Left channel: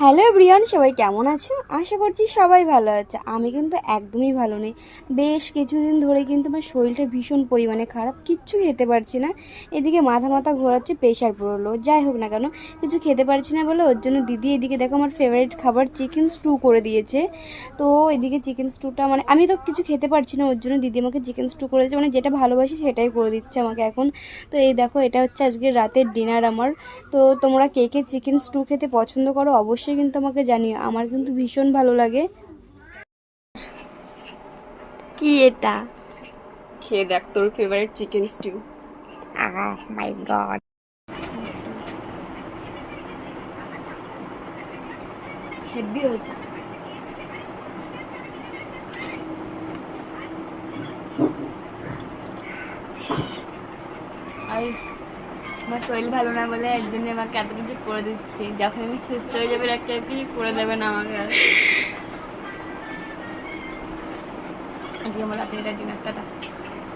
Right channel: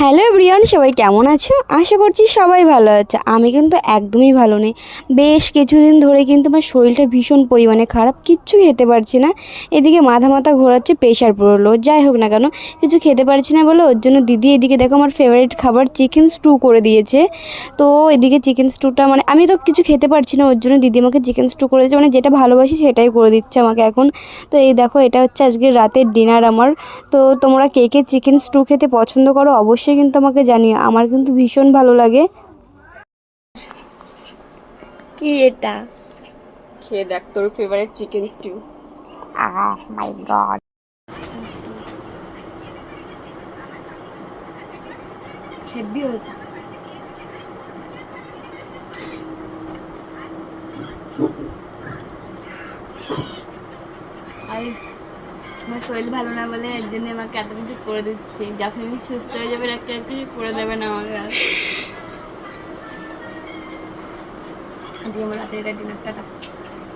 Hello everyone, সবাই কেমন আছো? আশা করছি সবাই ভালো আছে। আমি কিন্তু একদমই ভালো নেই। বেশ কিছুদিন ধরে কিন্তু আমার শরীরটা ভীষণ পরিমাণে খারাপ, কিচ্ছু খেতে পারছি না। এদিকে মাথা মাথা ঘোরাচ্ছে, প্রেশার পড়লো। যাই হোক না কেন, কিছু খেতে পারছি না বলে ওর জন্য দিদি এদিকে দেখো আমার ফেভারিট খাবার চিকেন স্টু করে দিয়েছে। তো এদিকে চিকেন স্টুটা মানে আমি তো কিছু খেতে পারছি না, ওর জন্য দিদি আমাকে চিকেন স্টু করে দিচ্ছে, মানে যেটা ভালোবাসি সেটাই করে দিচ্ছে আমাকে এখন। তো এই দেখো, এটা হচ্ছে আজকে রাতের ডিনার আমার। তো তোমরা কে কে চিকেন স্টু খেতে পছন্দ করো অবশ্যই কিন্তু আমাকে জানিও, আমার কিন্তু ভীষণ ভালো লাগে। কি এটা? খেয়ে দেখ তোর ফেভারিট চিকেন স্টিউ। মাই গড, হেভি হয়েছে। আর আমার শরীর ভালো না বলে এর জন্য আমাকে এত কিছু করে দিচ্ছে। যখন আমি সুস্থ হয়ে যাবে একটা কিছু করে দেবে না আমাকে আর। আজকে আমার রাতের এটা ডিনারটা।